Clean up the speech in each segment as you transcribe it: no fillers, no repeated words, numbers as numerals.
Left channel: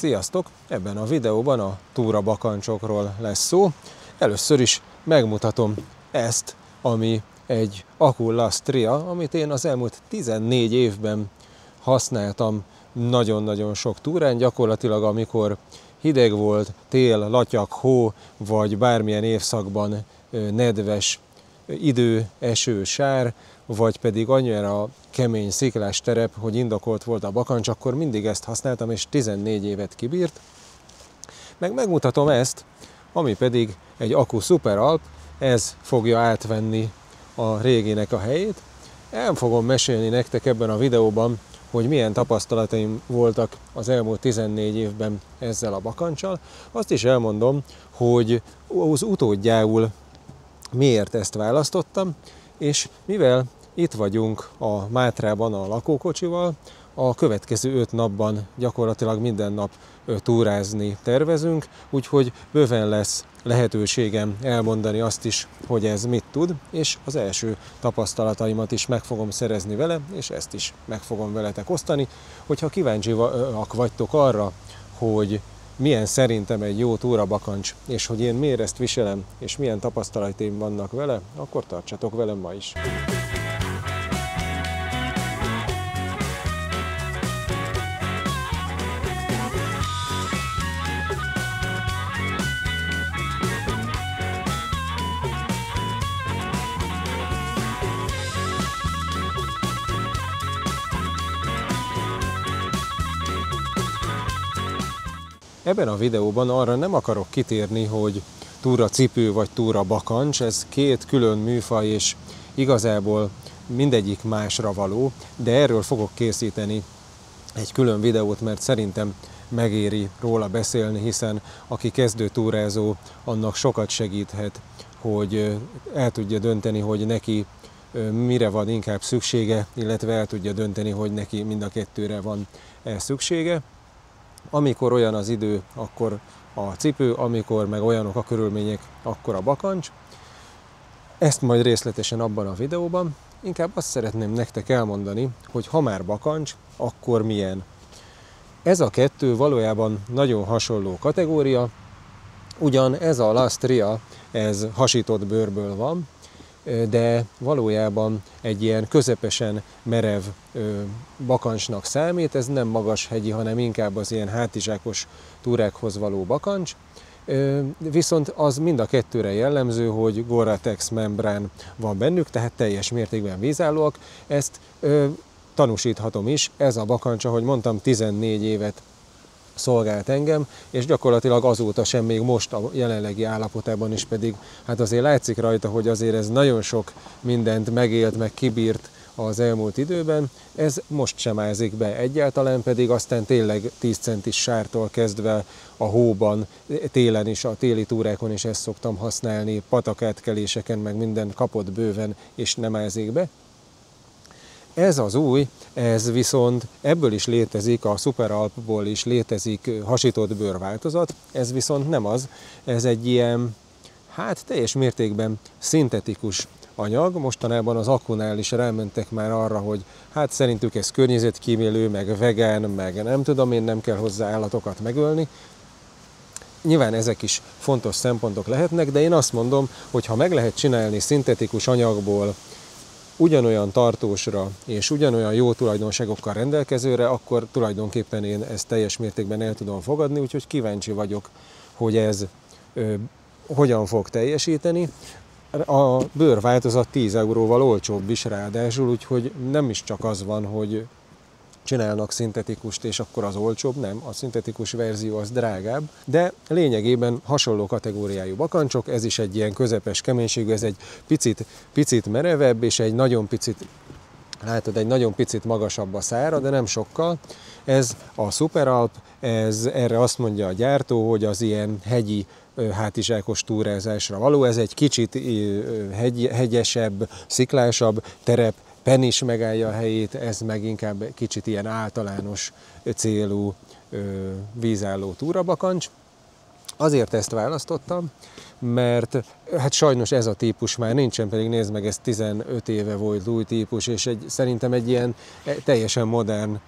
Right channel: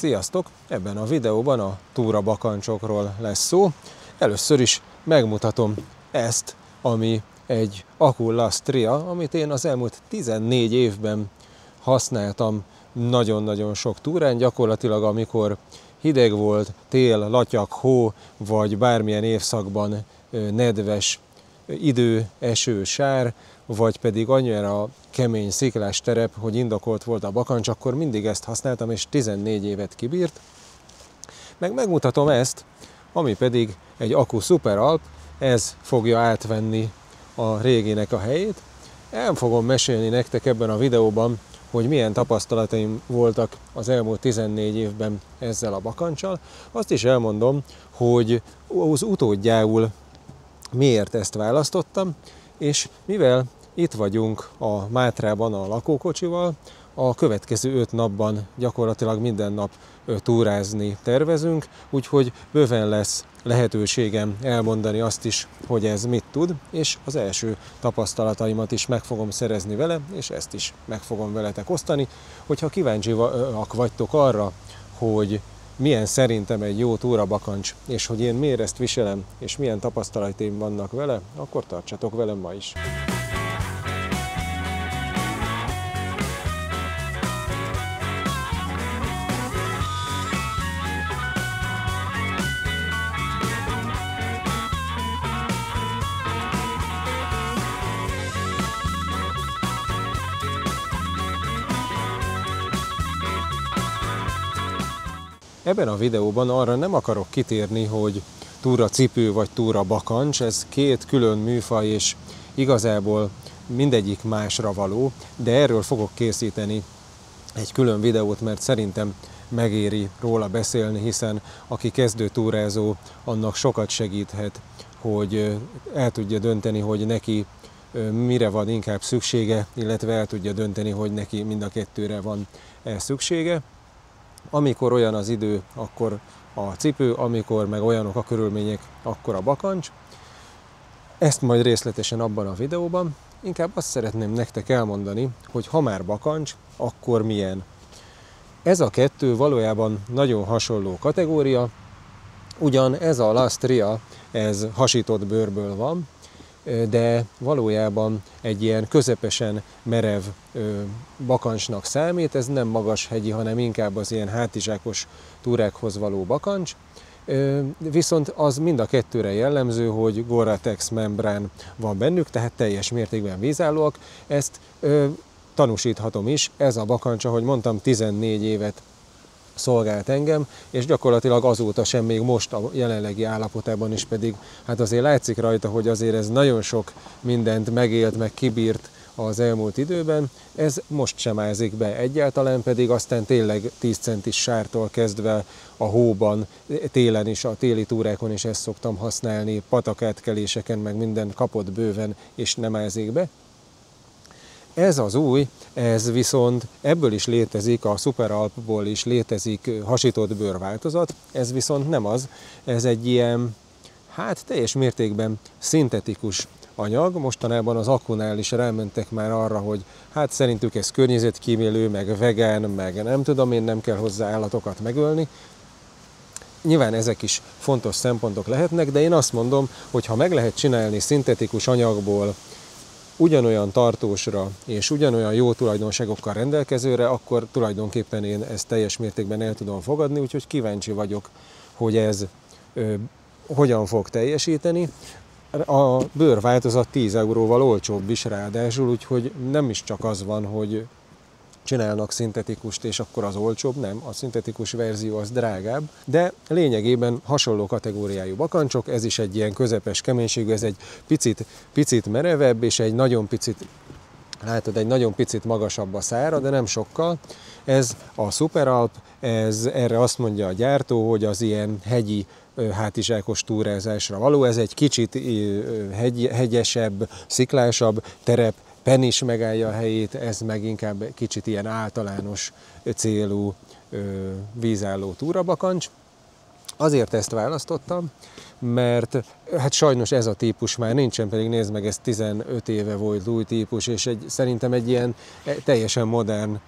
Sziasztok! Ebben a videóban a túrabakancsokról lesz szó. Először is megmutatom ezt, ami egy Aculastria, amit én az elmúlt 14 évben használtam nagyon-nagyon sok túrán. Gyakorlatilag amikor hideg volt, tél, latyak, hó, vagy bármilyen évszakban nedves idő, eső, sár, vagy pedig annyira kemény sziklás terep, hogy indokolt volt a bakancs, akkor mindig ezt használtam, és 14 évet kibírt. Megmutatom ezt, ami pedig egy Acu Super Alp, ez fogja átvenni a réginek a helyét. El fogom mesélni nektek ebben a videóban, hogy milyen tapasztalataim voltak az elmúlt 14 évben ezzel a bakanccsal. Azt is elmondom, hogy az utódjául miért ezt választottam, és mivel itt vagyunk a Mátrában a lakókocsival, a következő 5 napban gyakorlatilag minden nap túrázni tervezünk, úgyhogy bőven lesz lehetőségem elmondani azt is, hogy ez mit tud, és az első tapasztalataimat is meg fogom szerezni vele, és ezt is meg fogom veletek osztani. Hogyha kíváncsiak vagytok arra, hogy milyen szerintem egy jó túrabakancs, és hogy én miért ezt viselem, és milyen tapasztalataim vannak vele, akkor tartsatok velem ma is. Ebben a videóban arra nem akarok kitérni, hogy túracipő vagy túrabakancs, ez két külön műfaj, és igazából mindegyik másra való, de erről fogok készíteni egy külön videót, mert szerintem megéri róla beszélni, hiszen aki kezdő túrázó, annak sokat segíthet, hogy el tudja dönteni, hogy neki mire van inkább szüksége, illetve el tudja dönteni, hogy neki mind a kettőre van szüksége. Amikor olyan az idő, akkor a cipő, amikor meg olyanok a körülmények, akkor a bakancs. Ezt majd részletesen abban a videóban. Inkább azt szeretném nektek elmondani, hogy ha már bakancs, akkor milyen. Ez a kettő valójában nagyon hasonló kategória, ugyan ez a Lastria, ez hasított bőrből van, de valójában egy ilyen közepesen merev bakancsnak számít, ez nem magas hegyi, hanem inkább az ilyen hátizsákos túrákhoz való bakancs. Viszont az mind a kettőre jellemző, hogy Gore-Tex membrán van bennük, tehát teljes mértékben vízállóak. Ezt tanúsíthatom is, ez a bakancs, ahogy mondtam, 14 évet szolgált engem, és gyakorlatilag azóta sem, még most a jelenlegi állapotában is pedig, hát azért látszik rajta, hogy azért ez nagyon sok mindent megélt, meg kibírt az elmúlt időben, ez most sem ázik be egyáltalán, pedig aztán tényleg 10 centis sártól kezdve a hóban, télen is, a téli túrákon is ezt szoktam használni, patakátkeléseken, meg minden kapott bőven, és nem ázik be. Ez az új, ez viszont ebből is létezik, a Super Alpból is létezik hasított bőr változat, ez viszont nem az, ez egy ilyen, hát teljes mértékben szintetikus anyag. Mostanában az Acunál is rámentek már arra, hogy hát szerintük ez környezetkímélő, meg vegán, meg nem tudom én, nem kell hozzá állatokat megölni. Nyilván ezek is fontos szempontok lehetnek, de én azt mondom, hogy ha meg lehet csinálni szintetikus anyagból ugyanolyan tartósra és ugyanolyan jó tulajdonságokkal rendelkezőre, akkor tulajdonképpen én ezt teljes mértékben el tudom fogadni, úgyhogy kíváncsi vagyok, hogy ez hogyan fog teljesíteni. A bőrváltozat 10 euróval olcsóbb is ráadásul, úgyhogy nem is csak az van, hogy csinálnak szintetikust, és akkor az olcsóbb, nem, a szintetikus verzió az drágább, de lényegében hasonló kategóriájú bakancsok, ez is egy ilyen közepes keménységű, ez egy picit merevebb, és egy nagyon picit, látod, egy nagyon picit magasabb a szára, de nem sokkal. Ez a Super Alp, ez erre azt mondja a gyártó, hogy az ilyen hegyi, hátizsákos túrázásra való, ez egy kicsit hegyesebb, sziklásabb terep, pen is megállja a helyét, ez meg inkább kicsit ilyen általános célú vízálló túrabakancs. Azért ezt választottam, mert hát sajnos ez a típus már nincsen, pedig nézd meg, ez 15 éve volt új típus, és szerintem egy ilyen teljesen modern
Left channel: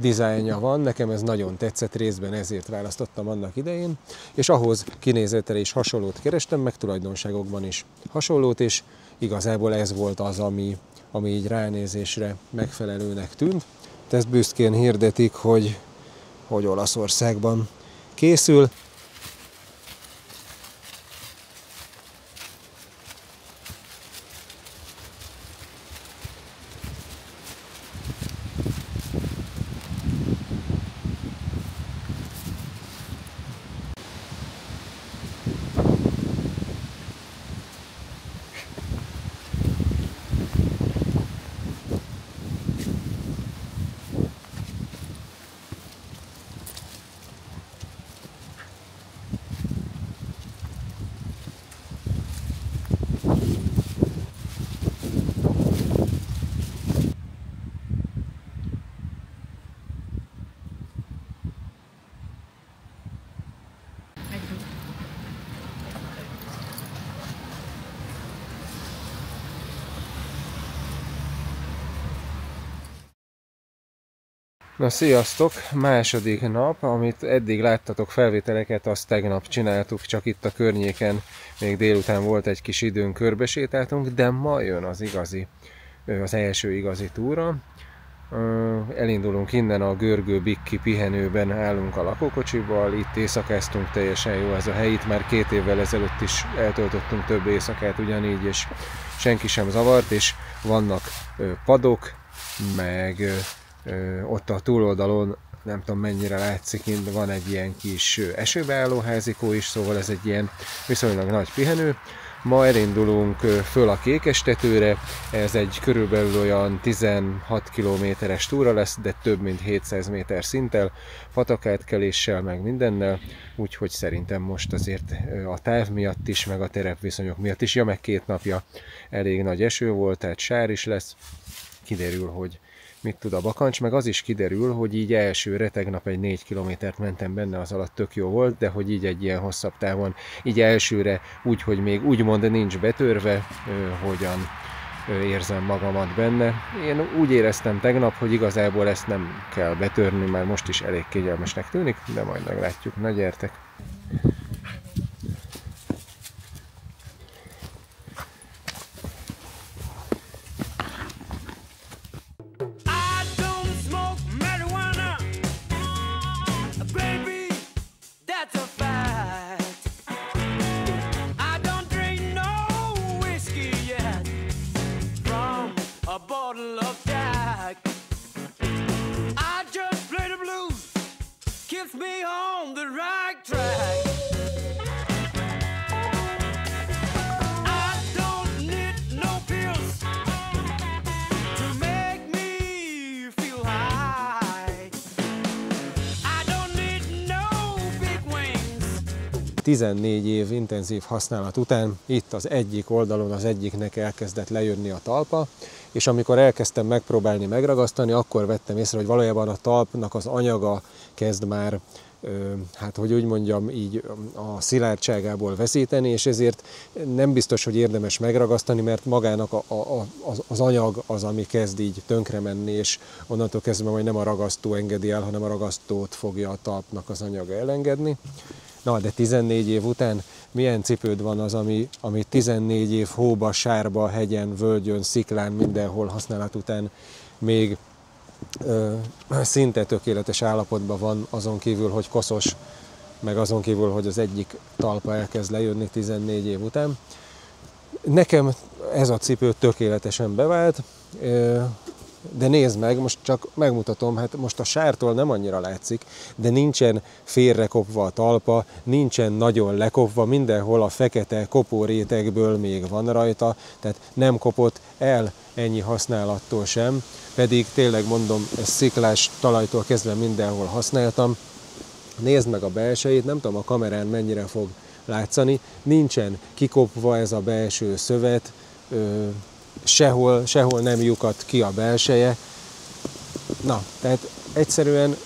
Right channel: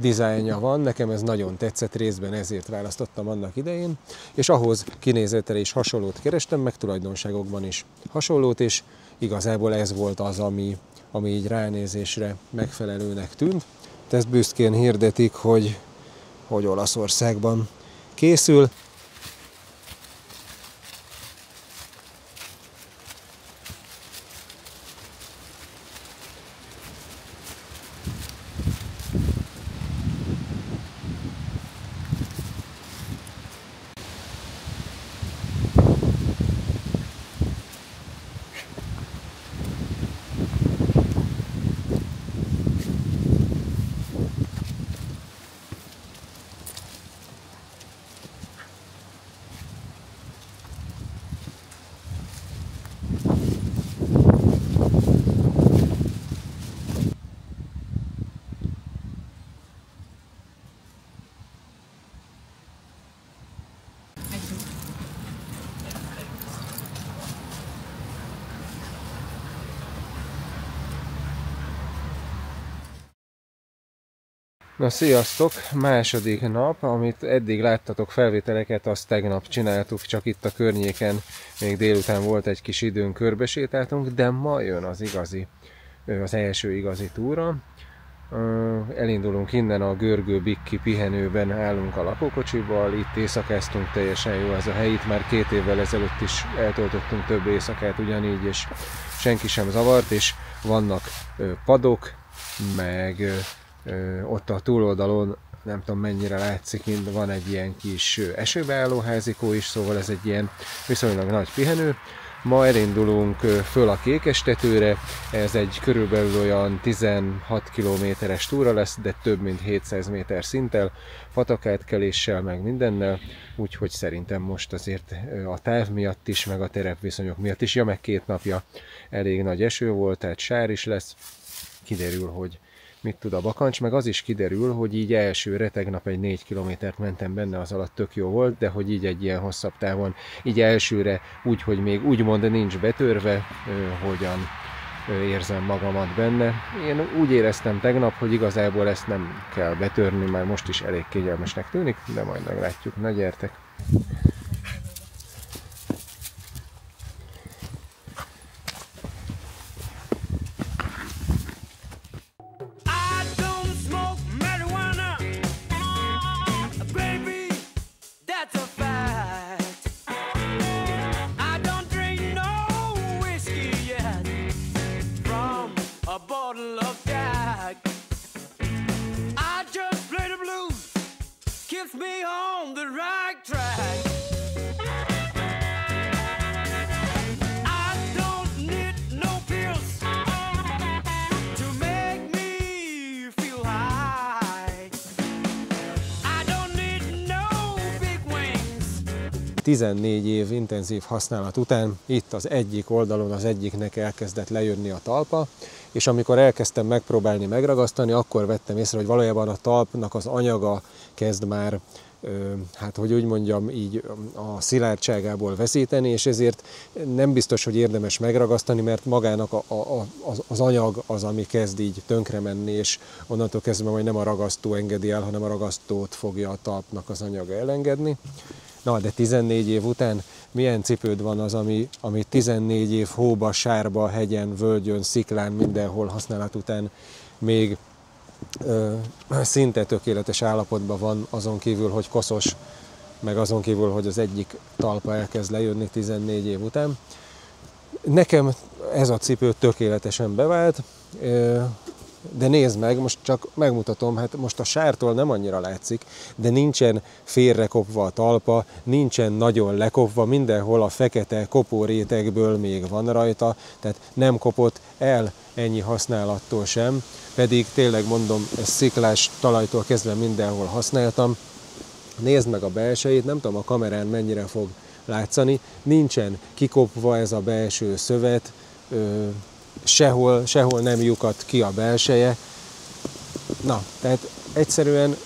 dizájnja van, nekem ez nagyon tetszett, részben ezért választottam annak idején, és ahhoz kinézetre is hasonlót kerestem, meg tulajdonságokban is hasonlót, és igazából ez volt az, ami így ránézésre megfelelőnek tűnt. Ezt büszkén hirdetik, hogy Olaszországban készül. Na sziasztok! Második nap, amit eddig láttatok felvételeket, azt tegnap csináltuk, csak itt a környéken, még délután volt egy kis időn, körbesétáltunk, de ma jön az első igazi túra. Elindulunk innen a Görgő Bikki pihenőben, állunk a lakókocsival, itt éjszakáztunk, teljesen jó ez a hely, itt már 2 évvel ezelőtt is eltöltöttünk több éjszakát ugyanígy, és senki sem zavart, és vannak padok, meg ott a túloldalon, nem tudom mennyire látszik, van egy ilyen kis esőbeálló házikó is, szóval ez egy ilyen viszonylag nagy pihenő. Ma elindulunk föl a Kékestetőre, ez egy körülbelül olyan 16 kilométeres túra lesz, de több mint 700 méter szinttel, patakátkeléssel, meg mindennel, úgyhogy szerintem most azért a táv miatt is, meg a terepviszonyok miatt is, meg 2 napja elég nagy eső volt, tehát sár is lesz, kiderül, hogy mit tud a bakancs, meg az is kiderül, hogy így elsőre tegnap egy 4 kilométert mentem benne, az alatt tök jó volt, de hogy így egy ilyen hosszabb távon, így elsőre úgy, hogy még úgymond nincs betörve, hogyan érzem magamat benne. Én úgy éreztem tegnap, hogy igazából ezt nem kell betörni, már most is elég kényelmesnek tűnik, de majd meglátjuk. Na gyertek! Me on the right track. I don't need no pills to make me feel high. I don't need no big wings. 14 év intenzív használat után itt az egyik oldalon az egyiknek elkezdett lejönni a talpa, és amikor elkezdtem megpróbálni megragasztani, akkor vettem észre, hogy valójában a talpnak az anyaga kezd már, hát hogy úgy mondjam, így a szilárdságából veszíteni, és ezért nem biztos, hogy érdemes megragasztani, mert magának az anyag az, ami kezd így tönkre menni, és onnantól kezdve majd nem a ragasztó engedi el, hanem a ragasztót fogja a talpnak az anyaga elengedni. Na, de 14 év után milyen cipőd van az, ami 14 év hóba, sárba, hegyen, völgyön, sziklán, mindenhol használat után még szinte tökéletes állapotban van, azon kívül, hogy koszos, meg azon kívül, hogy az egyik talpa elkezd lejönni 14 év után. Nekem ez a cipő tökéletesen bevált, de nézd meg, most csak megmutatom, hát most a sártól nem annyira látszik, de nincsen félrekopva a talpa, nincsen nagyon lekopva, mindenhol a fekete kopórétegből még van rajta, tehát nem kopott el ennyi használattól sem, pedig tényleg mondom, ezt sziklás talajtól kezdve mindenhol használtam. Nézd meg a belsejét, nem tudom a kamerán mennyire fog látszani, nincsen kikopva ez a belső szövet, sehol nem lyukadt ki a belseje. Na, tehát egyszerűen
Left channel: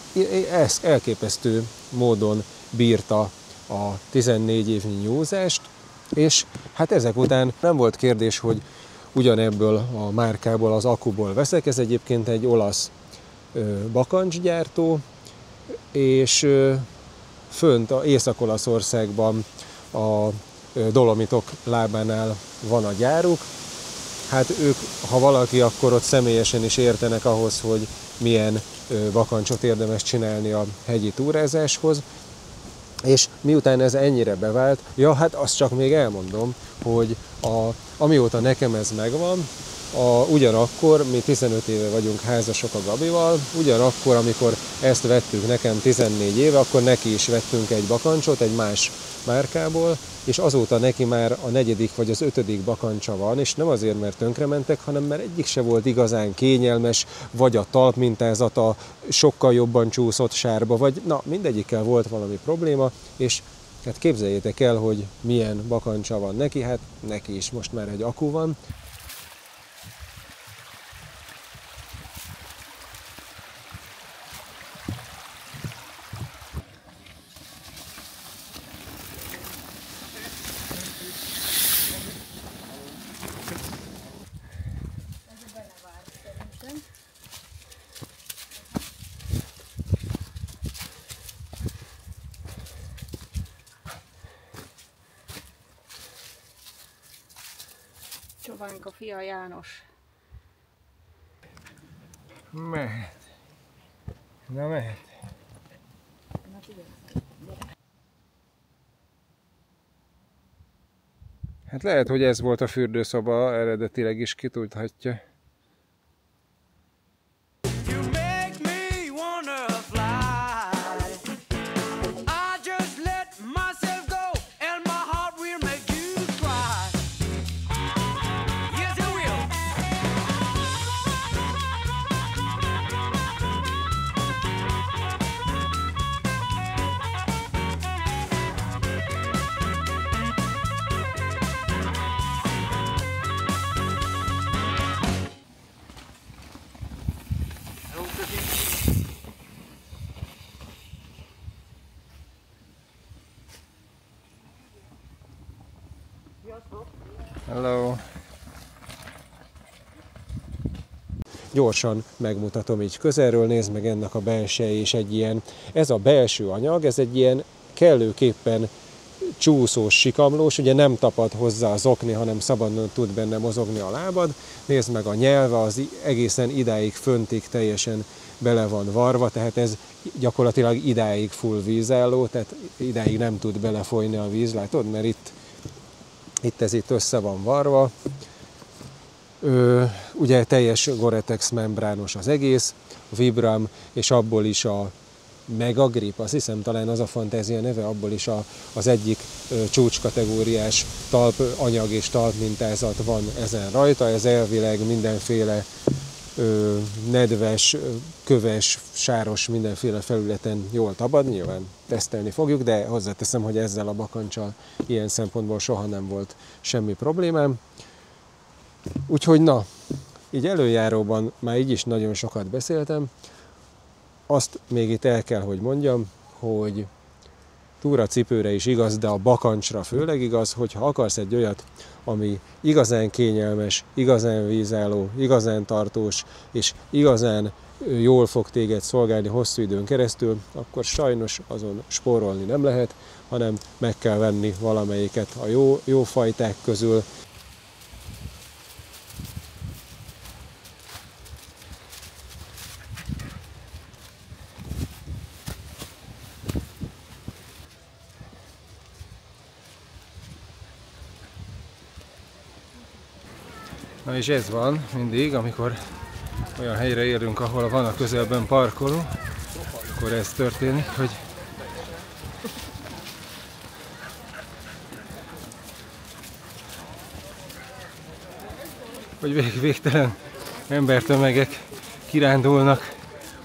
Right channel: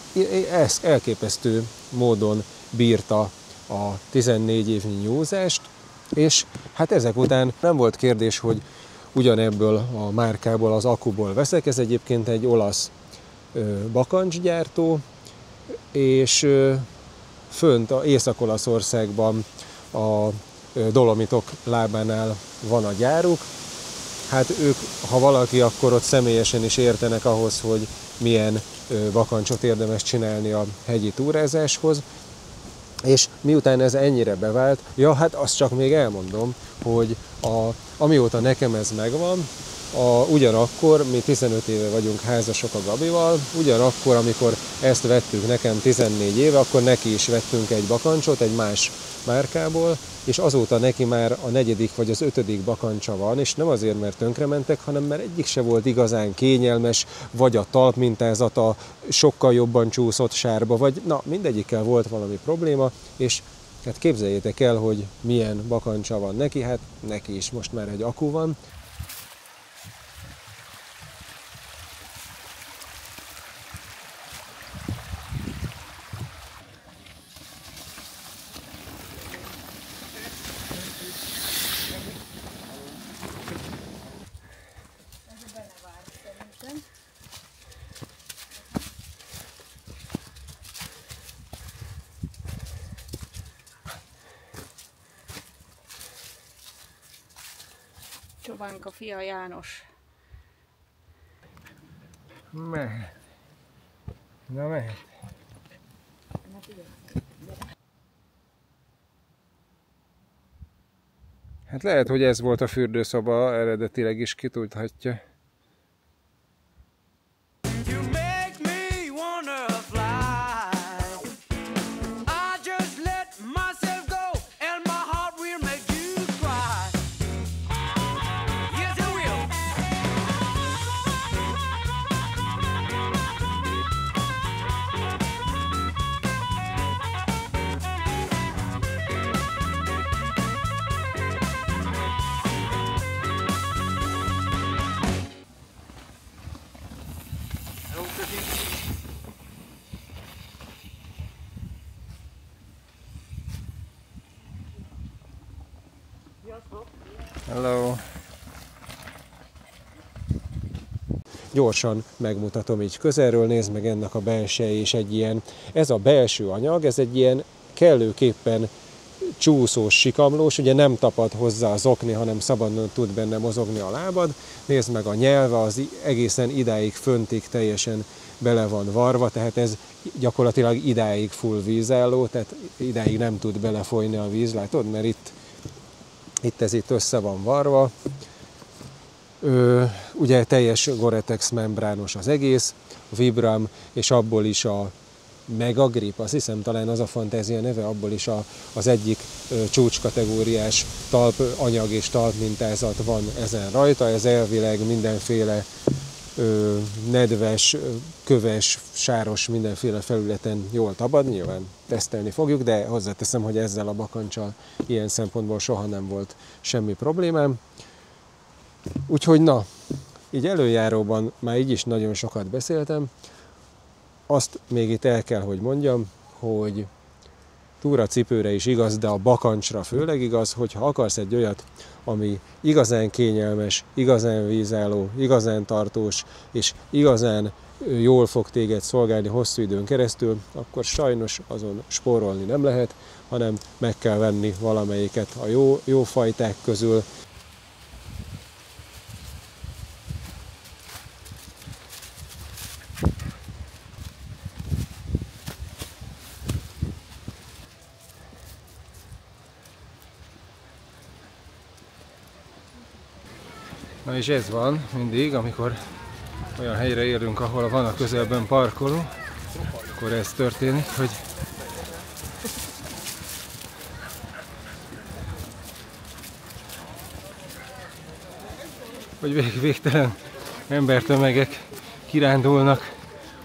ez elképesztő módon bírta a 14 évnyi nyúzást, és hát ezek után nem volt kérdés, hogy ugyanebből a márkából, az Akuból veszek. Ez egyébként egy olasz bakancsgyártó, és fönt Észak-Olaszországban a Dolomitok lábánál van a gyáruk. Hát ők, ha valaki, akkor ott személyesen is értenek ahhoz, hogy milyen bakancsot érdemes csinálni a hegyi túrázáshoz. És miután ez ennyire bevált, ja, hát azt csak még elmondom, hogy amióta nekem ez megvan, ugyanakkor, mi 15 éve vagyunk házasok a Gabival, ugyanakkor, amikor ezt vettük nekem 14 éve, akkor neki is vettünk egy bakancsot, egy más márkából, és azóta neki már a 4. vagy az 5. bakancsa van, és nem azért, mert tönkrementek, hanem mert egyik se volt igazán kényelmes, vagy a talpmintázata sokkal jobban csúszott sárba, vagy na, mindegyikkel volt valami probléma, és hát képzeljétek el, hogy milyen bakancsa van neki, hát neki is most már egy akku van. Csovánka fia János. Mehet. Na mehet. Hát lehet, hogy ez volt a fürdőszoba, eredetileg is ki tudhatja. You make me wanna fly. I just let myself go, and my heart will make you cry. Yes, it will. Hello. Gyorsan megmutatom így közelről, nézd meg ennek a belseje is egy ilyen, ez a belső anyag, ez egy ilyen kellőképpen csúszós, sikamlós, ugye nem tapad hozzá az okni, hanem szabadon tud benne mozogni a lábad. Nézd meg a nyelve, az egészen idáig föntig teljesen bele van varva, tehát ez gyakorlatilag idáig full vízálló, tehát idáig nem tud belefolyni a víz, látod, mert itt ez itt össze van varva. Ugye teljes Gore-Tex membrános az egész, a Vibram, és abból is a Megagrip, azt hiszem talán az a fantázia neve, abból is az egyik csúcskategóriás talpanyag és talpmintázat van ezen rajta. Ez elvileg mindenféle nedves, köves, sáros, mindenféle felületen jól tabad, nyilván tesztelni fogjuk, de hozzáteszem, hogy ezzel a bakancsal ilyen szempontból soha nem volt semmi problémám. Úgyhogy na, így előjáróban már így is nagyon sokat beszéltem. Azt még itt el kell, hogy mondjam, hogy túracipőre is igaz, de a bakancsra főleg igaz, hogyha akarsz egy olyat, ami igazán kényelmes, igazán vízálló, igazán tartós, és igazán jól fog téged szolgálni hosszú időn keresztül, akkor sajnos azon spórolni nem lehet, hanem meg kell venni valamelyiket a jó fajták közül. Na és ez van mindig, amikor olyan helyre érünk, ahol van a közelben parkoló, akkor ez történik, hogy végtelen embertömegek kirándulnak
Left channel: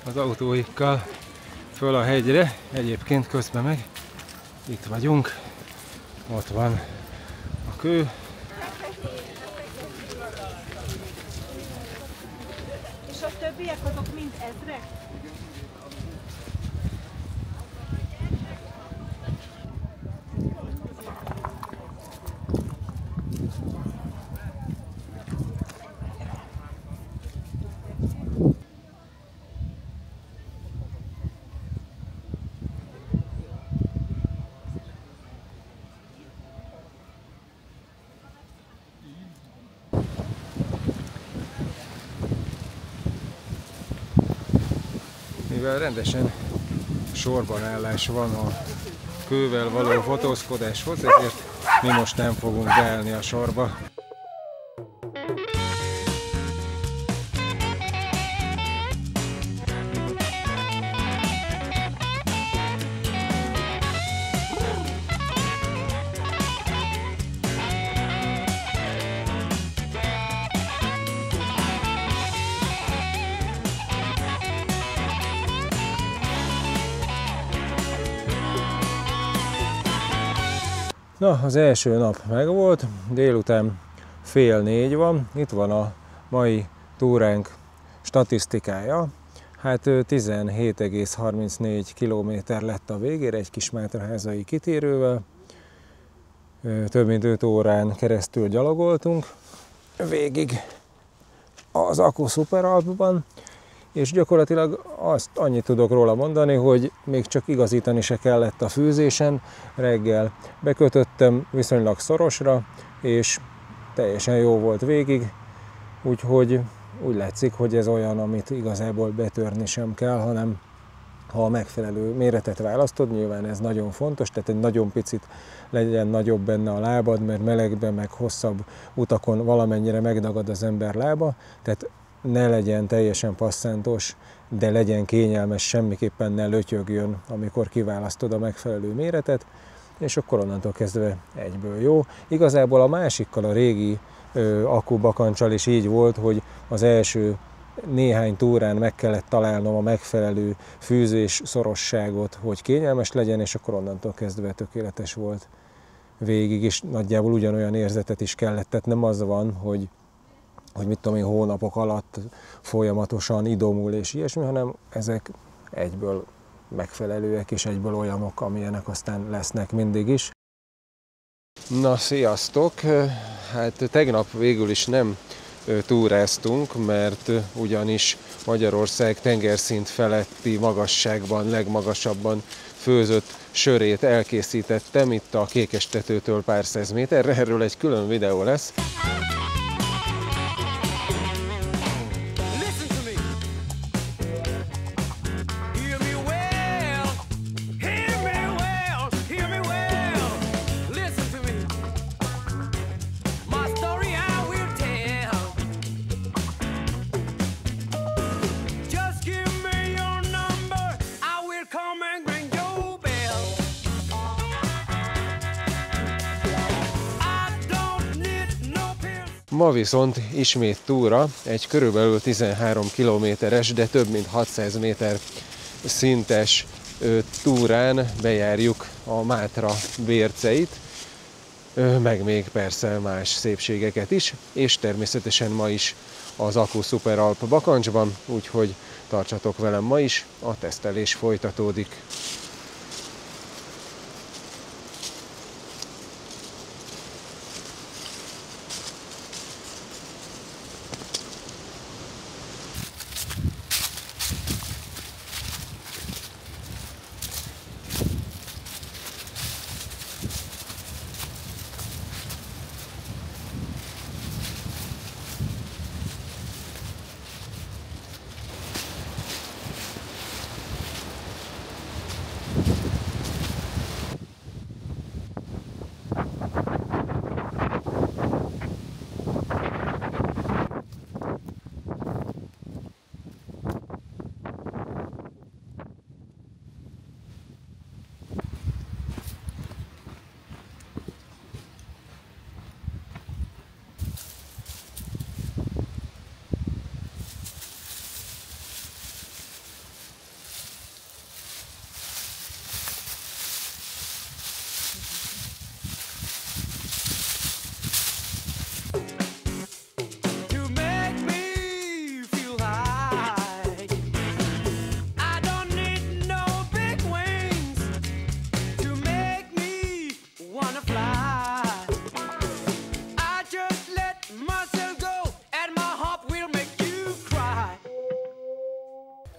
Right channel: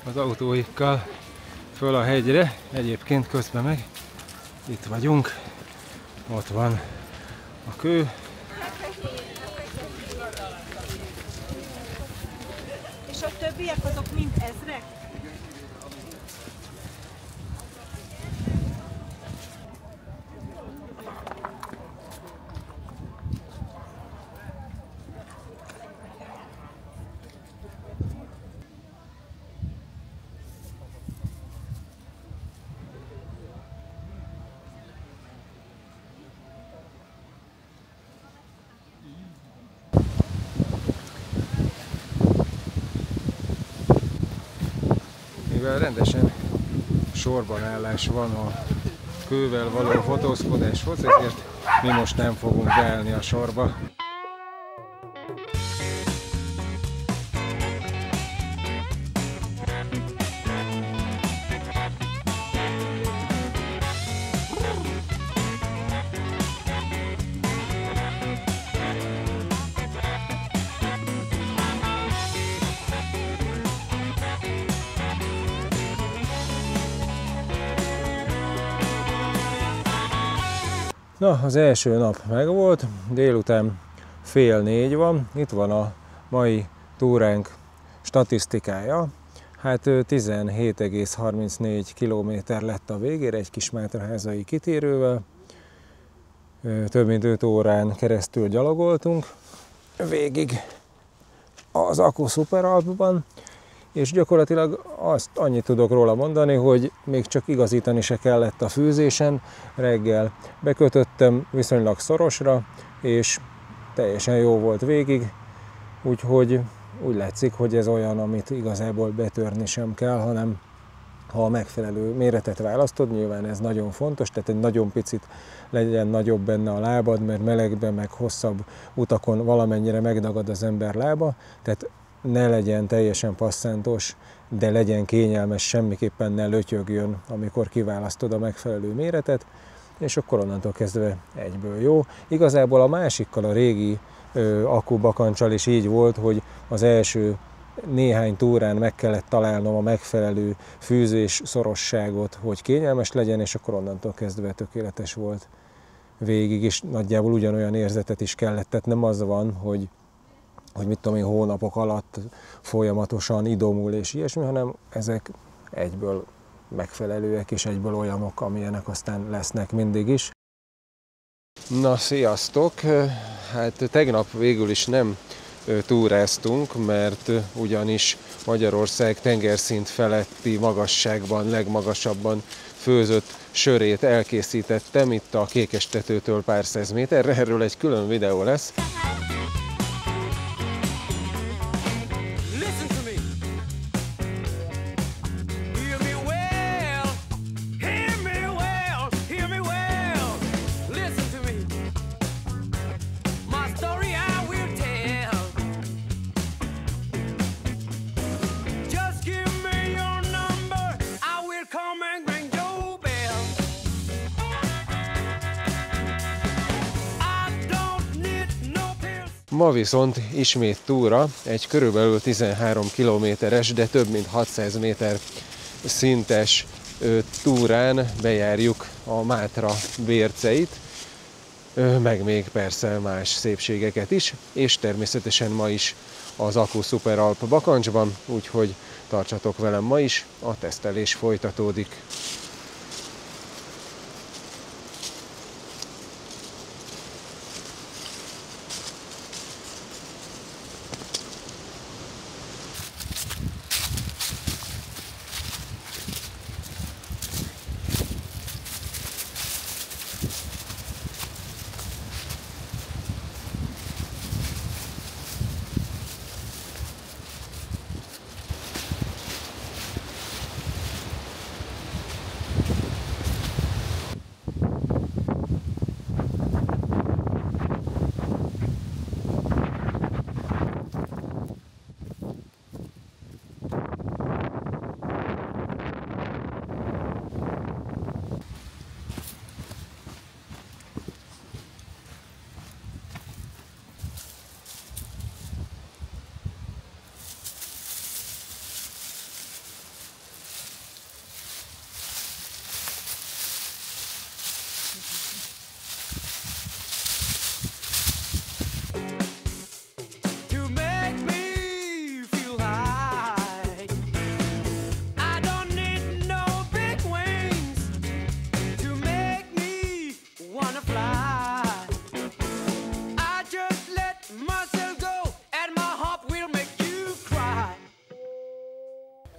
az autóikkal föl a hegyre, egyébként közben meg itt vagyunk, ott van a kő. És a többiek azok mind ezrek? Mivel rendesen sorban állás van a kővel való fotózkodáshoz, ezért mi most nem fogunk beállni a sorba. Na, az első nap megvolt, délután 3:30 van, itt van a mai túránk statisztikája. Hát 17,34 km lett a végére egy kis mátraházai kitérővel. Több mint 5 órán keresztül gyalogoltunk végig az Aku Superalpban, és gyakorlatilag annyit tudok róla mondani, hogy még csak igazítani se kellett a fűzésen. Reggel bekötöttem viszonylag szorosra, és teljesen jó volt végig, úgyhogy úgy látszik, hogy ez olyan, amit igazából betörni sem kell, hanem ha a megfelelő méretet választod, nyilván ez nagyon fontos, tehát egy nagyon picit legyen nagyobb benne a lábad, mert melegben, meg hosszabb utakon valamennyire megdagad az ember lába, tehát ne legyen teljesen passzántos, de legyen kényelmes, semmiképpen ne lötyögjön, amikor kiválasztod a megfelelő méretet, és akkor onnantól kezdve egyből jó. Igazából a másikkal, a régi Aku bakancsal is így volt, hogy az első néhány túrán meg kellett találnom a megfelelő fűzés szorosságot, hogy kényelmes legyen, és akkor onnantól kezdve tökéletes volt végig, és nagyjából ugyanolyan érzetet is kellett. Tehát nem az van, hogy mit tudom én, hónapok alatt folyamatosan idomul és ilyesmi, hanem ezek egyből megfelelőek, és egyből olyanok, amilyenek aztán lesznek mindig is. Na, sziasztok! Hát tegnap végül is nem túráztunk, mert ugyanis Magyarország tengerszint feletti magasságban, legmagasabban főzött sörét elkészítettem itt a Kékestetőtől pár száz méterre, erről egy külön videó lesz. Ma viszont ismét túra, egy körülbelül 13 kilométeres, de több mint 600 méter szintes túrán bejárjuk a Mátra bérceit, meg még persze más szépségeket is, és természetesen ma is az Aku Superalp bakancsban, úgyhogy tartsatok velem ma is, a tesztelés folytatódik.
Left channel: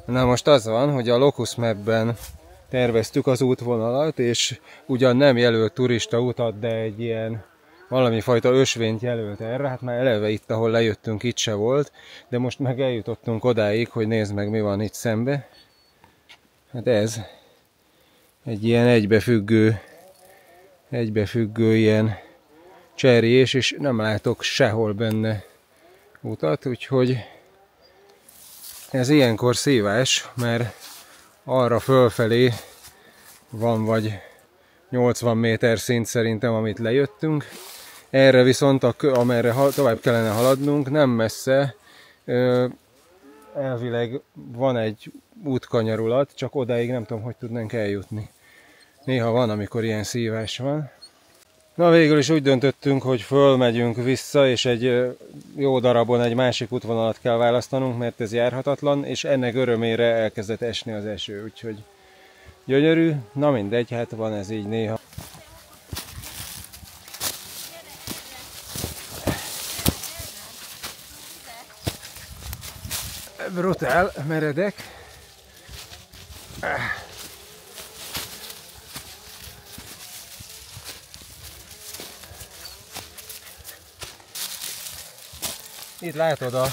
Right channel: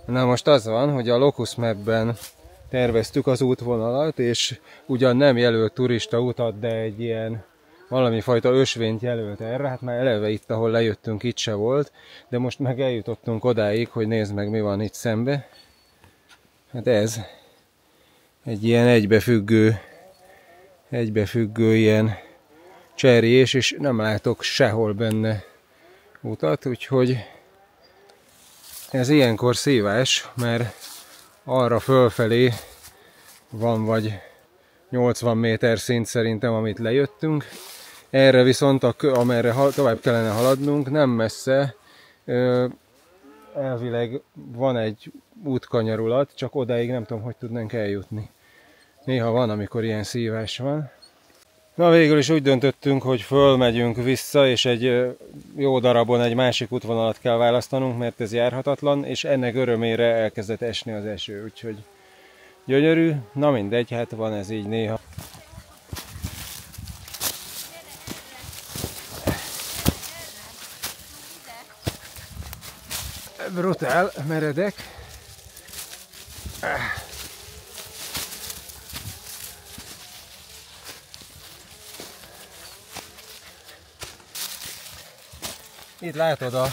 Na most az van, hogy a Locus Mapben terveztük az útvonalat, és ugyan nem jelölt turista utat, de egy ilyen valami fajta ösvényt jelölt erre. Hát már eleve itt, ahol lejöttünk, itt se volt, de most meg eljutottunk odáig, hogy nézd meg, mi van itt szembe. Hát ez egy ilyen egybefüggő ilyen cserjés, és nem látok sehol benne utat, úgyhogy ez ilyenkor szívás, mert arra fölfelé van vagy 80 méter szint szerintem, amit lejöttünk. Erre viszont, amerre tovább kellene haladnunk, nem messze, elvileg van egy útkanyarulat, csak odáig nem tudom, hogy tudnánk eljutni. Néha van, amikor ilyen szívás van. Na, végül is úgy döntöttünk, hogy fölmegyünk vissza, és egy jó darabon egy másik útvonalat kell választanunk, mert ez járhatatlan, és ennek örömére elkezdett esni az eső, úgyhogy gyönyörű. Na mindegy, hát van ez így néha. Brutál, meredek. Itt látod a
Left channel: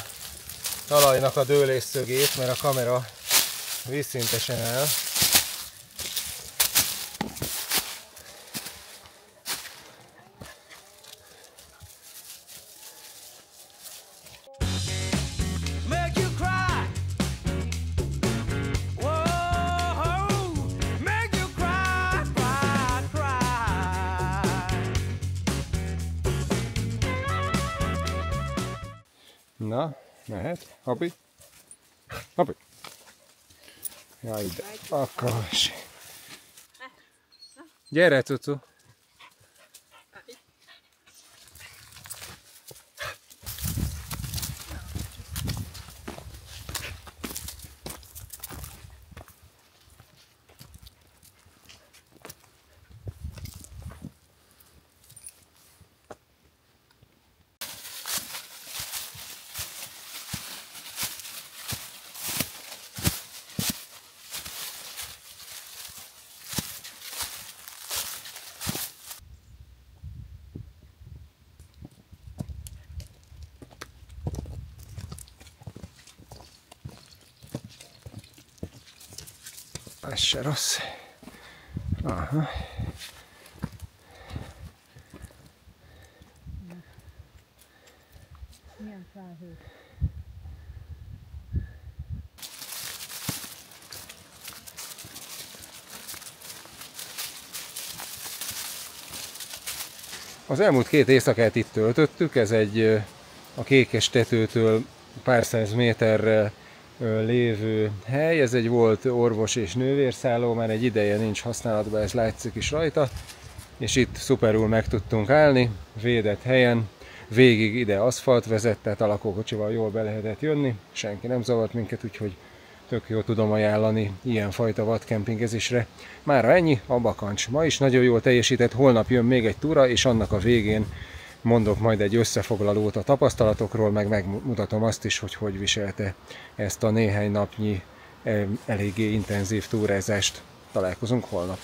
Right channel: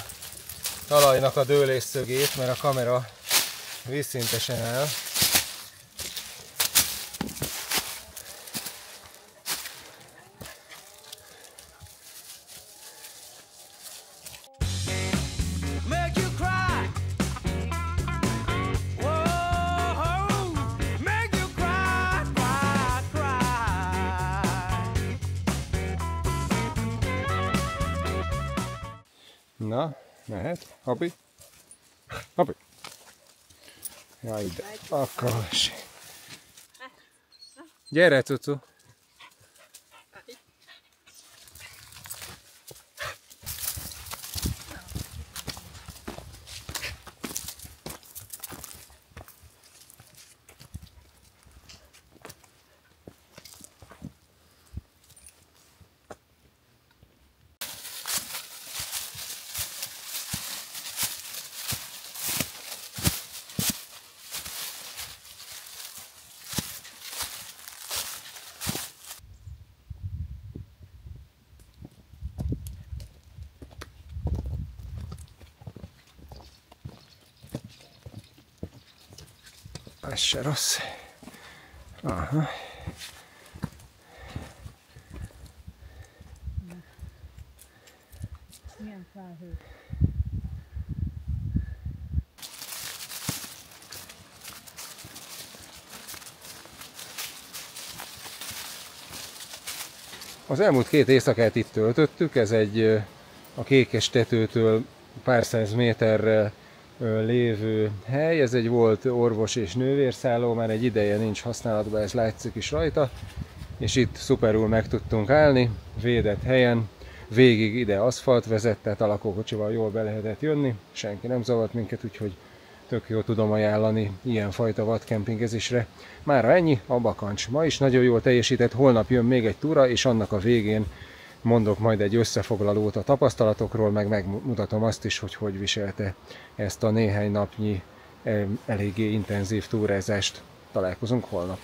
talajnak a dőlésszögét, mert a kamera vízszintesen áll. Make you cry. Whoa, make you cry, cry, cry. Na, mehet. Hapi. Hapi. Ja, ide. Akkor. Gyere, cucu. Ez se rossz. Aha. Milyen felhő. Az elmúlt 2 éjszakát itt töltöttük, ez egy a Kékes tetőtől pár száz méterre lévő hely, ez egy volt orvos és nővérszálló, már egy ideje nincs használatban, ez látszik is rajta, és itt szuperul meg tudtunk állni, védett helyen, végig ide aszfalt vezet, tehát a lakókocsival jól be lehetett jönni, senki nem zavart minket, úgyhogy tök jó tudom ajánlani ilyenfajta vadkempingezésre. Mára ennyi, a Bakancs. Ma is nagyon jól teljesített, holnap jön még egy túra, és annak a végén mondok majd egy összefoglalót a tapasztalatokról, meg megmutatom azt is, hogy hogy viselte ezt a néhány napnyi eléggé intenzív túrázást. Találkozunk holnap.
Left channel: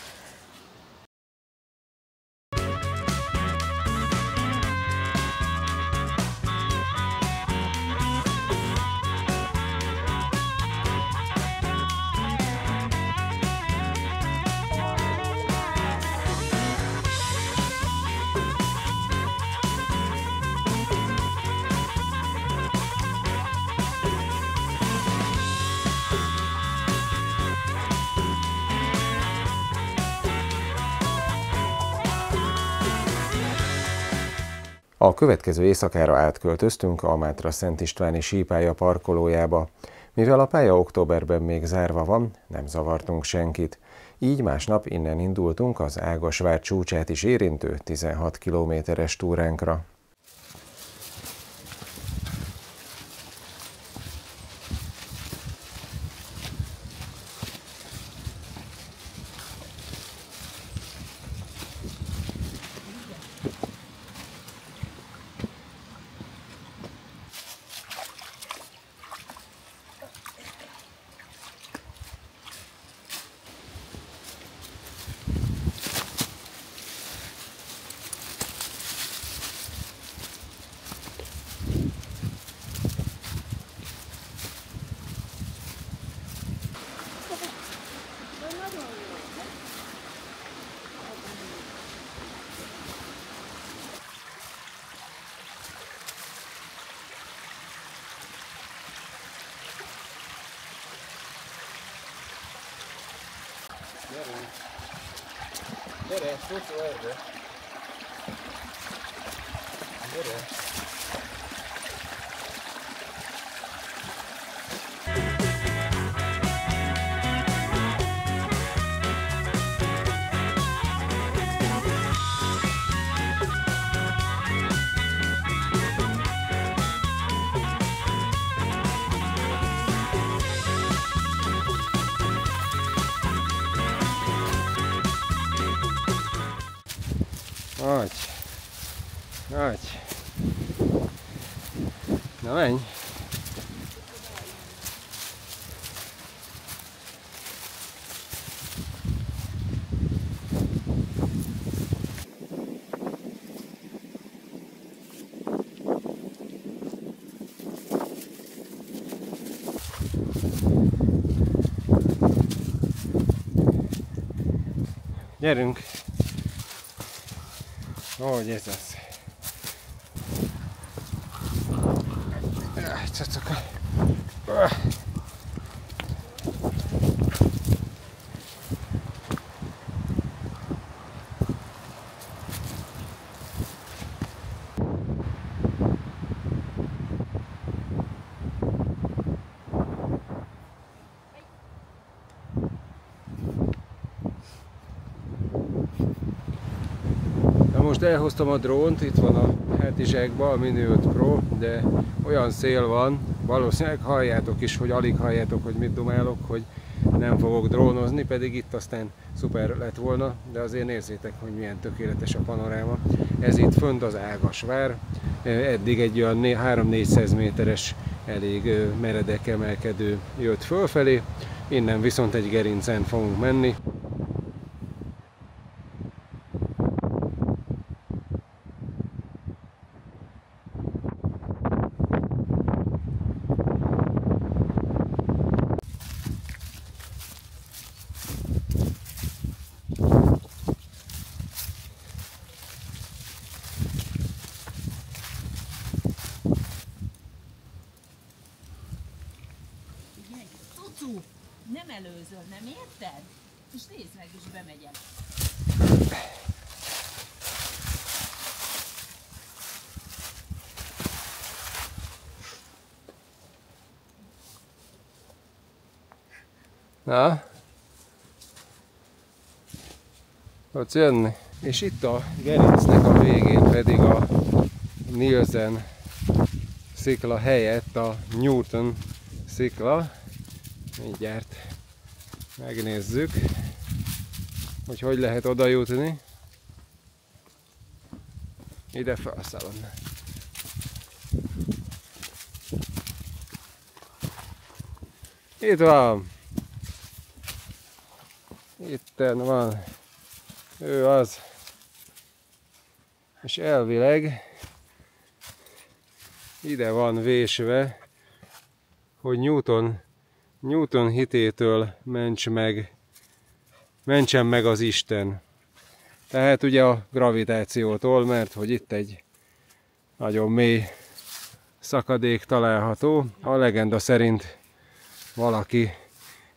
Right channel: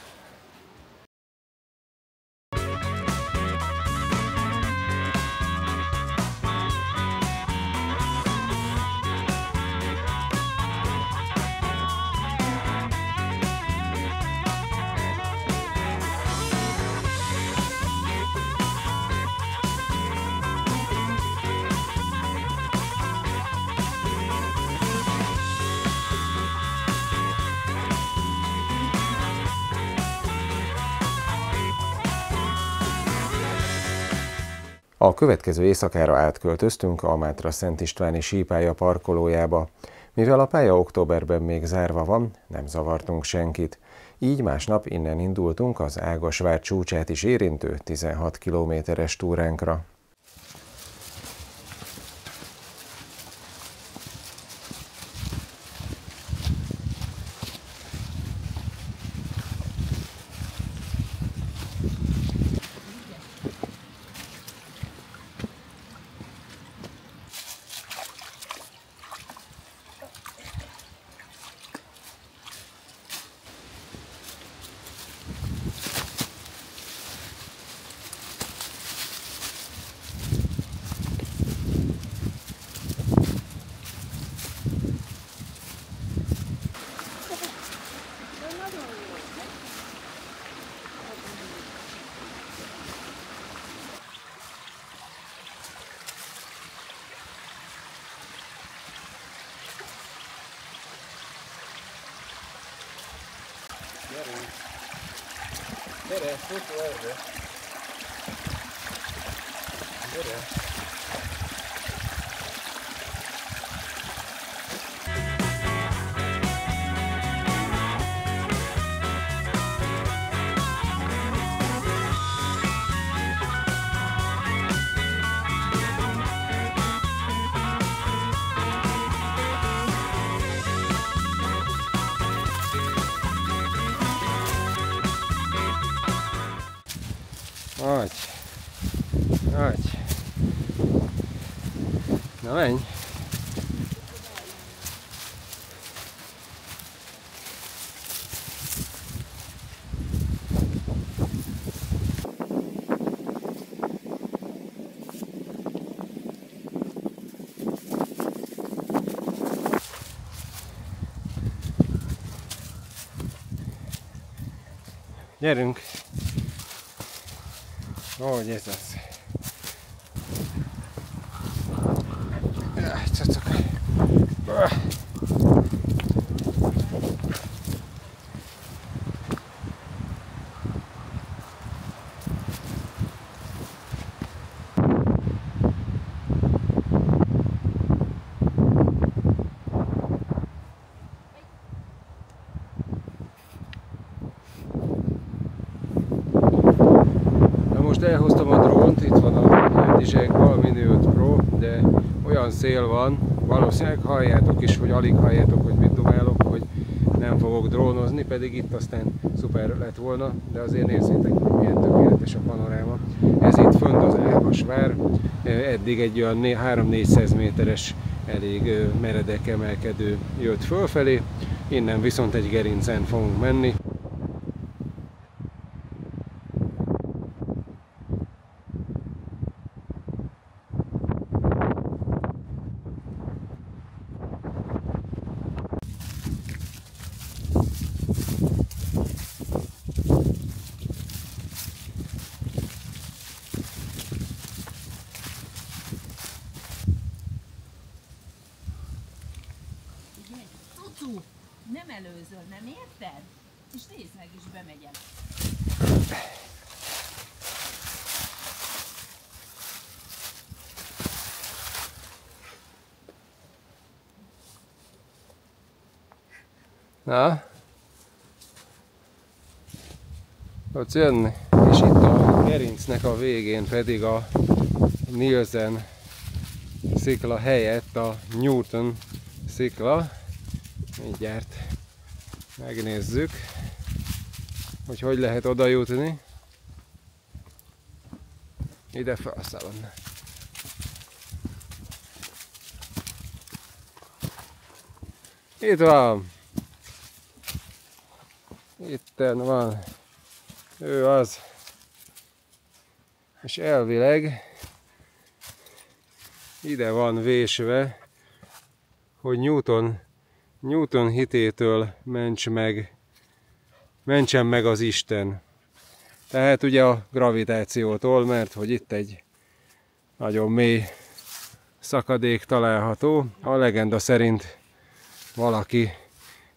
A következő éjszakára átköltöztünk a Mátra Szent Istváni sípálya parkolójába. Mivel a pálya októberben még zárva van, nem zavartunk senkit. Így másnap innen indultunk az Ágasvár csúcsát is érintő 16 kilométeres túránkra. Gyere, fotó erre! Gyere! Adj! Adj! Na menj! Gyerünk! Hogy ez az? Jaj, cacaka! Most elhoztam a drónt, itt van a hátizsákban, a Mini 5 Pro, de olyan szél van, valószínűleg halljátok is, hogy alig halljátok, hogy mit dumálok, hogy nem fogok drónozni, pedig itt aztán szuper lett volna, de azért nézzétek, hogy milyen tökéletes a panoráma. Ez itt fönt az Ávasvár, eddig egy olyan 300-400 méteres, elég meredek emelkedő jött fölfelé, innen viszont egy gerincen fogunk menni. Cucu, nem előzöl, nem érted? És nézd meg, is bemegyek. Na? Tudsz jönni? És itt a gerincnek a végén pedig a Nielsen szikla helyett a Newton szikla. Mindjárt megnézzük, hogy hogy lehet oda jutni. Ide felszállom. Itt van. Itten van. Ő az. És elvileg ide van vésve, hogy Newton hitétől mentsen meg az Isten. Tehát ugye a gravitációtól, mert hogy itt egy nagyon mély szakadék található. A legenda szerint valaki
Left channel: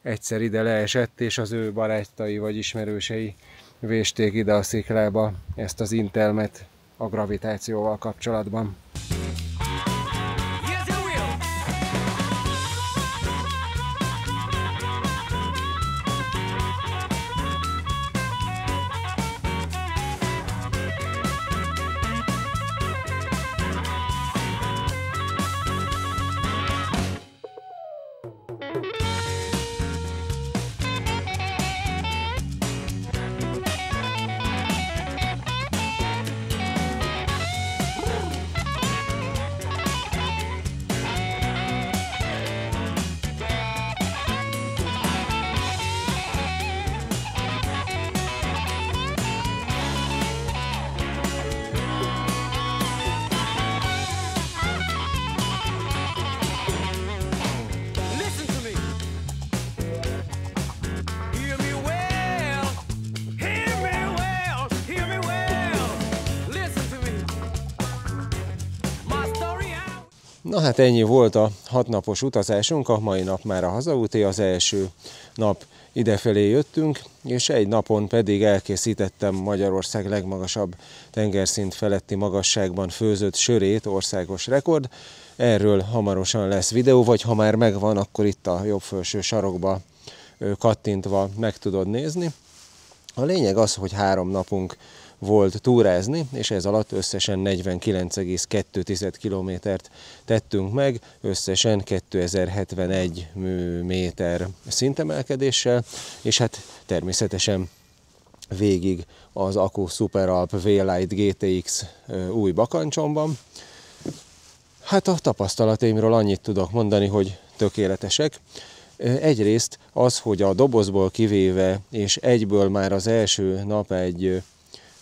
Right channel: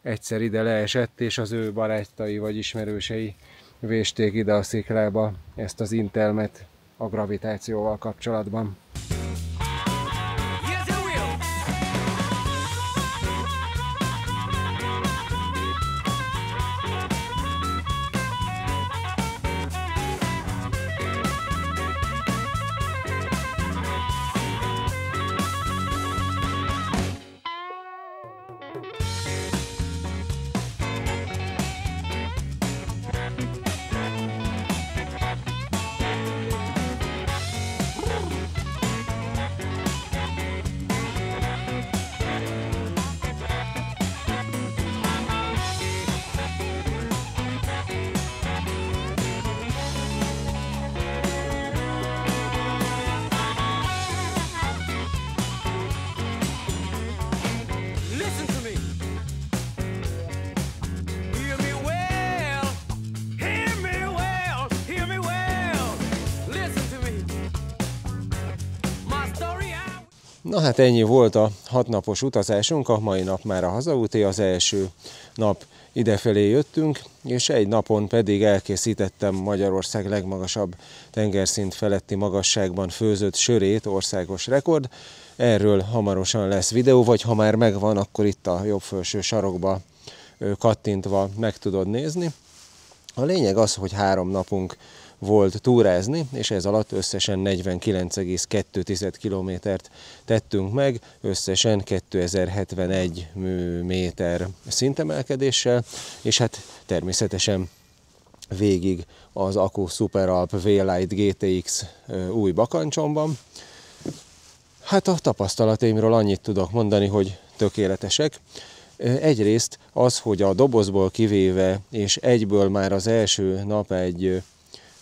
egyszer ide leesett, és az ő barátai vagy ismerősei vésték ide a sziklába ezt az intelmet a gravitációval kapcsolatban. Yes, it will. Listen to me. Hear me well. Hear me well. Hear me well. Listen to me. My story out. Na hát ennyi volt a 6 napos utazásunk, a mai nap már a hazaúté, az első nap idefelé jöttünk, és egy napon pedig elkészítettem Magyarország legmagasabb tengerszint feletti magasságban főzött sörét, országos rekord. Erről hamarosan lesz videó, vagy ha már megvan, akkor itt a jobb felső sarokba kattintva meg tudod nézni. A lényeg az, hogy 3 napunk volt túrázni, és ez alatt összesen 49,2 kilométert tettünk meg, összesen 2071 méter szintemelkedéssel, és hát természetesen végig az Aku Superalp V-Lite GTX új bakancsomban. Hát a tapasztalataimról annyit tudok mondani, hogy tökéletesek. Egyrészt az, hogy a dobozból kivéve, és egyből már az első nap egy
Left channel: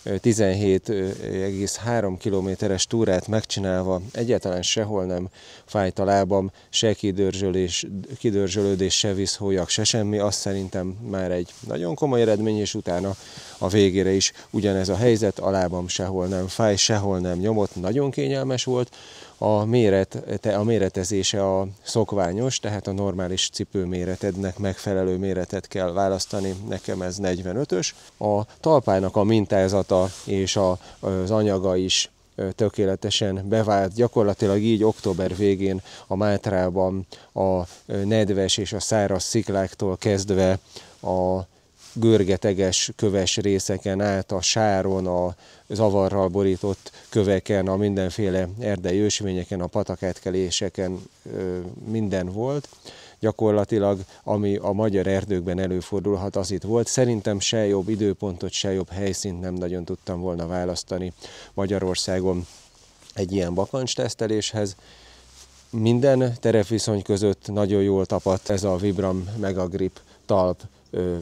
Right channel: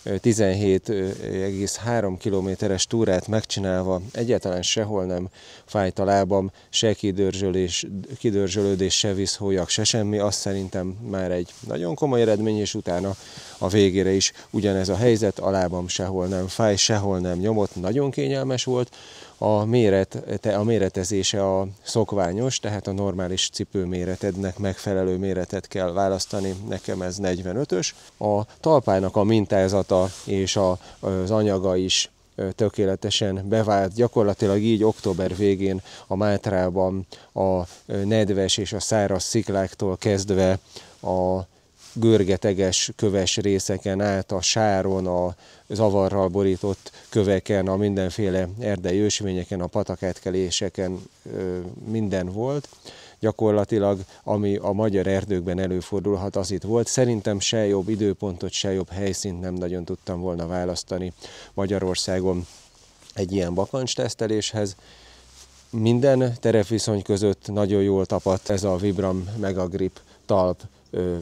17,3 kilométeres túrát megcsinálva egyáltalán sehol nem fájt a lábam, se kidörzsölődés, se vízhólyak, se semmi. Azt szerintem már egy nagyon komoly eredmény, és utána a végére is ugyanez a helyzet, a lábam sehol nem fáj, sehol nem nyomott, nagyon kényelmes volt. A méretezése a szokványos, tehát a normális cipőméretednek megfelelő méretet kell választani, nekem ez 45-ös. A talpának a mintázata és az anyaga is tökéletesen bevált. Gyakorlatilag így október végén a Mátrában a nedves és a száraz szikláktól kezdve a görgeteges köves részeken át, a sáron, a zavarral borított köveken, a mindenféle erdei ősvényeken, a patakátkeléseken minden volt. Gyakorlatilag, ami a magyar erdőkben előfordulhat, az itt volt. Szerintem se jobb időpontot, se jobb helyszínt nem nagyon tudtam volna választani Magyarországon egy ilyen bakancsteszteléshez. Minden terepviszony között nagyon jól tapadt ez a Vibram Megagrip talp,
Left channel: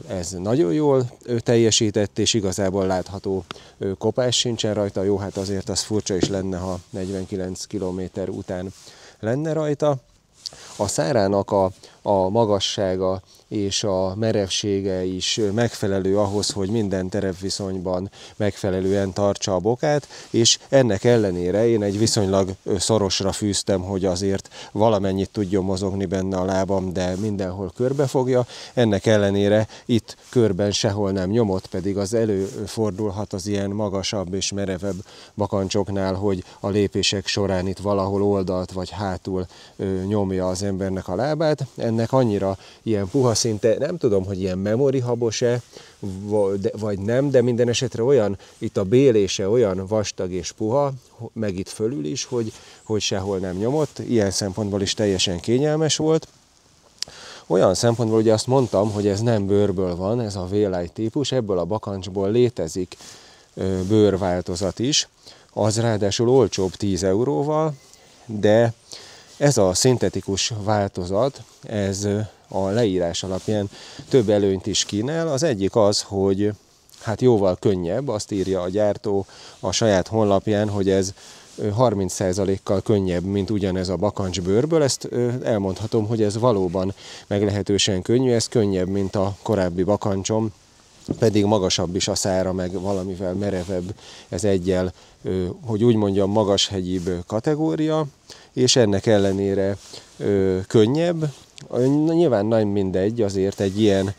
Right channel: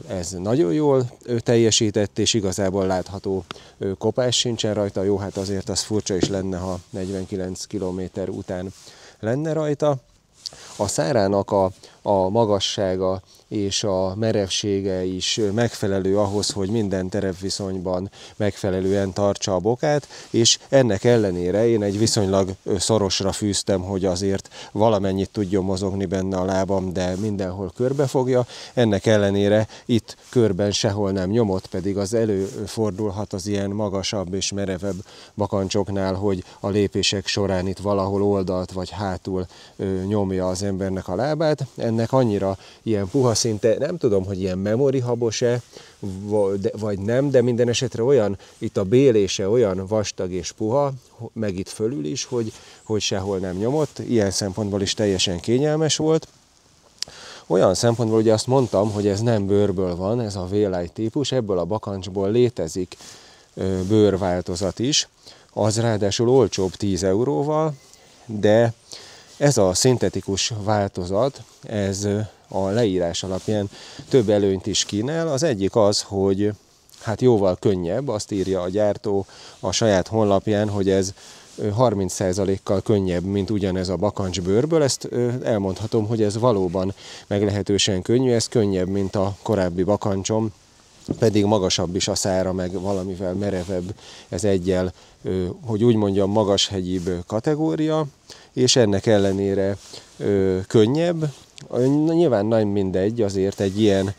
ez nagyon jól teljesített, és igazából látható kopás sincsen rajta. Jó, hát azért az furcsa is lenne, ha 49 km után lenne rajta. A szárának a magassága és a merevsége is megfelelő ahhoz, hogy minden terepviszonyban megfelelően tartsa a bokát, és ennek ellenére én egy viszonylag szorosra fűztem, hogy azért valamennyit tudjon mozogni benne a lábam, de mindenhol körbefogja. Ennek ellenére itt körben sehol nem nyomott, pedig az előfordulhat az ilyen magasabb és merevebb bakancsoknál, hogy a lépések során itt valahol oldalt vagy hátul nyomja az embernek a lábát. Ennek annyira ilyen puha, szinte nem tudom, hogy ilyen memorihabos-e, vagy nem, de minden esetre olyan, itt a bélése olyan vastag és puha, meg itt fölül is, hogy sehol nem nyomott. Ilyen szempontból is teljesen kényelmes volt. Olyan szempontból ugye azt mondtam, hogy ez nem bőrből van, ez a V-Lite típus, ebből a bakancsból létezik bőrváltozat is, az ráadásul olcsóbb 10 euróval, de ez a szintetikus változat, ez a leírás alapján több előnyt is kínál. Az egyik az, hogy hát jóval könnyebb, azt írja a gyártó a saját honlapján, hogy ez 30%-kal könnyebb, mint ugyanez a bakancsbőrből. Ezt elmondhatom, hogy ez valóban meglehetősen könnyű, ez könnyebb, mint a korábbi bakancsom, pedig magasabb is a szára, meg valamivel merevebb, ez egyel, hogy úgy mondjam, magashegyibb kategória, és ennek ellenére könnyebb. Nyilván nem mindegy azért egy ilyen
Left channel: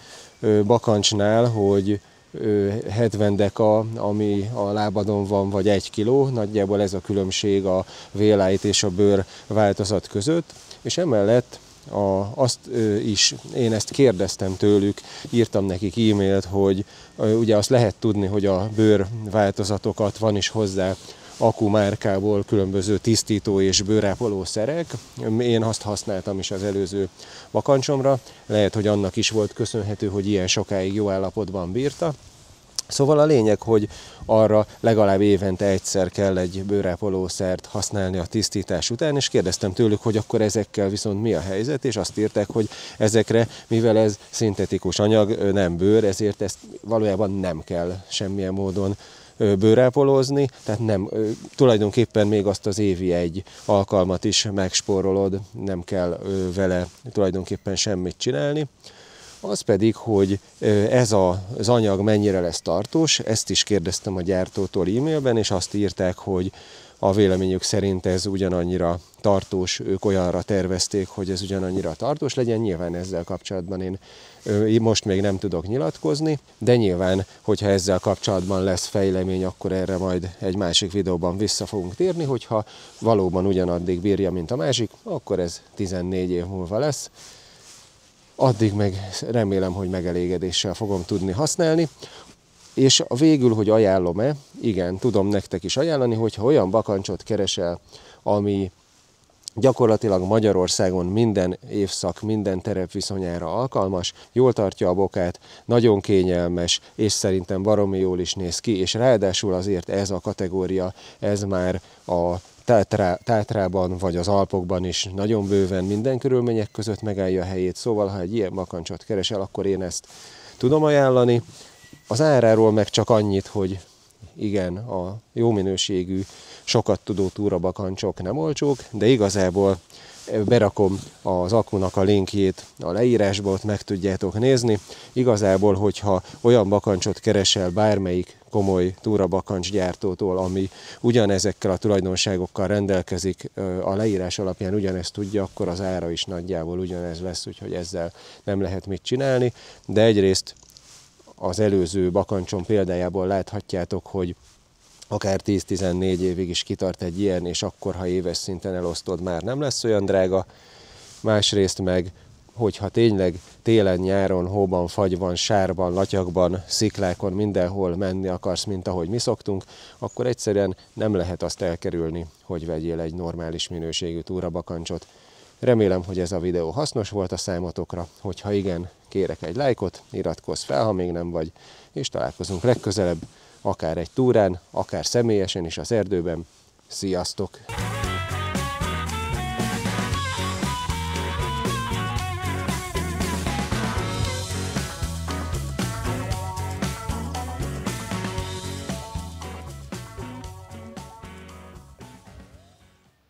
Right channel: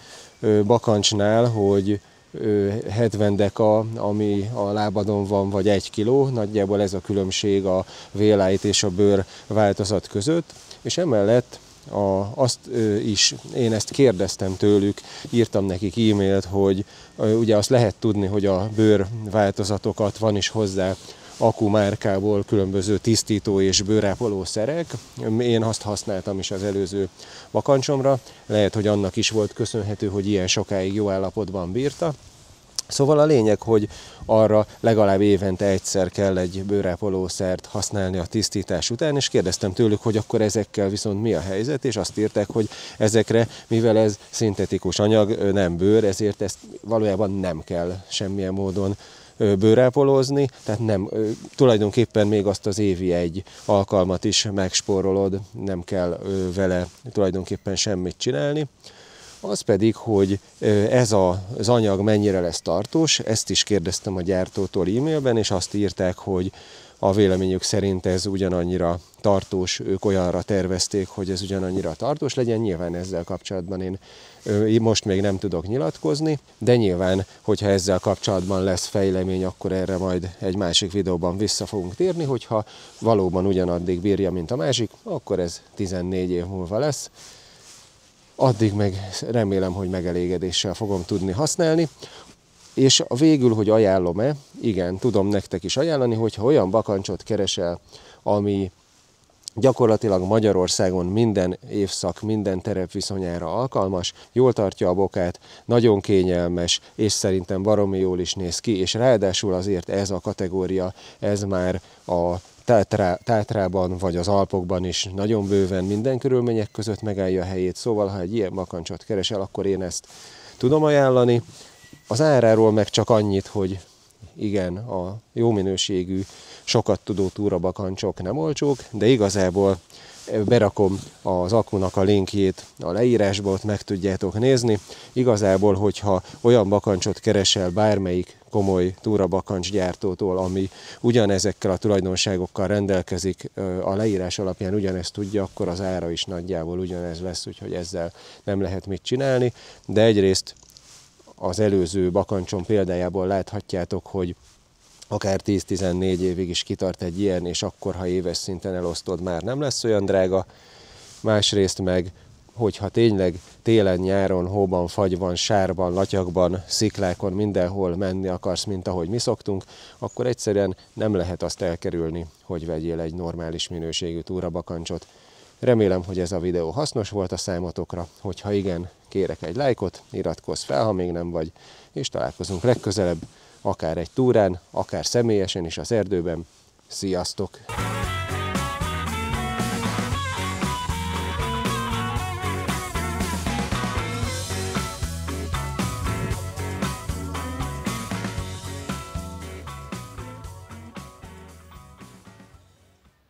bakancsnál, hogy 70 deka, ami a lábadon van, vagy 1 kiló, nagyjából ez a különbség a V-Lite és a bőr változat között, és emellett én ezt kérdeztem tőlük, írtam nekik e-mailt, hogy ugye azt lehet tudni, hogy a bőr változatokat van is hozzá Aku márkából különböző tisztító és bőrápoló szerek. Én azt használtam is az előző bakancsomra, lehet, hogy annak is volt köszönhető, hogy ilyen sokáig jó állapotban bírta. Szóval a lényeg, hogy arra legalább évente egyszer kell egy bőrápolószert használni a tisztítás után, és kérdeztem tőlük, hogy akkor ezekkel viszont mi a helyzet, és azt írták, hogy ezekre, mivel ez szintetikus anyag, nem bőr, ezért ezt valójában nem kell semmilyen módon bőrápolózni, tehát nem, tulajdonképpen még azt az évi egy alkalmat is megspórolod, nem kell vele tulajdonképpen semmit csinálni. Az pedig, hogy ez az anyag mennyire lesz tartós, ezt is kérdeztem a gyártótól e-mailben, és azt írták, a véleményük szerint ez ugyanannyira tartós, ők olyanra tervezték, hogy ez ugyanannyira tartós legyen. Nyilván ezzel kapcsolatban én most még nem tudok nyilatkozni, de nyilván, hogyha ezzel kapcsolatban lesz fejlemény, akkor erre majd egy másik videóban vissza fogunk térni, hogyha valóban ugyanaddig bírja, mint a másik, akkor ez 14 év múlva lesz. Addig meg remélem, hogy megelégedéssel fogom tudni használni. És a végül, hogy ajánlom-e, igen, tudom nektek is ajánlani, hogyha olyan bakancsot keresel, ami gyakorlatilag Magyarországon minden évszak, minden terep viszonyára alkalmas, jól tartja a bokát, nagyon kényelmes, és szerintem baromi jól is néz ki, és ráadásul azért ez a kategória, ez már a Tátrában vagy az Alpokban is nagyon bőven minden körülmények között megállja a helyét, szóval ha egy ilyen bakancsot keresel, akkor én ezt tudom ajánlani. Az áráról meg csak annyit, hogy igen, a jó minőségű, sokat tudó túrabakancsok nem olcsók, de igazából berakom az akunak a linkjét a leírásba, ott meg tudjátok nézni. Igazából, hogyha olyan bakancsot keresel bármelyik komoly túrabakancsgyártótól, ami ugyanezekkel a tulajdonságokkal rendelkezik, a leírás alapján ugyanezt tudja, akkor az ára is nagyjából ugyanez lesz, úgyhogy ezzel nem lehet mit csinálni. De egyrészt az előző bakancsom példájából láthatjátok, hogy akár 10-14 évig is kitart egy ilyen, és akkor, ha éves szinten elosztod, már nem lesz olyan drága. Másrészt meg, hogyha tényleg télen, nyáron, hóban, fagyban, sárban, latyagban, sziklákon, mindenhol menni akarsz, mint ahogy mi szoktunk, akkor egyszerűen nem lehet azt elkerülni, hogy vegyél egy normális minőségű túrabakancsot. Remélem, hogy ez a videó hasznos volt a számotokra, hogyha igen, kérek egy lájkot, iratkozz fel, ha még nem vagy, és találkozunk legközelebb, akár egy túrán, akár személyesen is az erdőben. Sziasztok!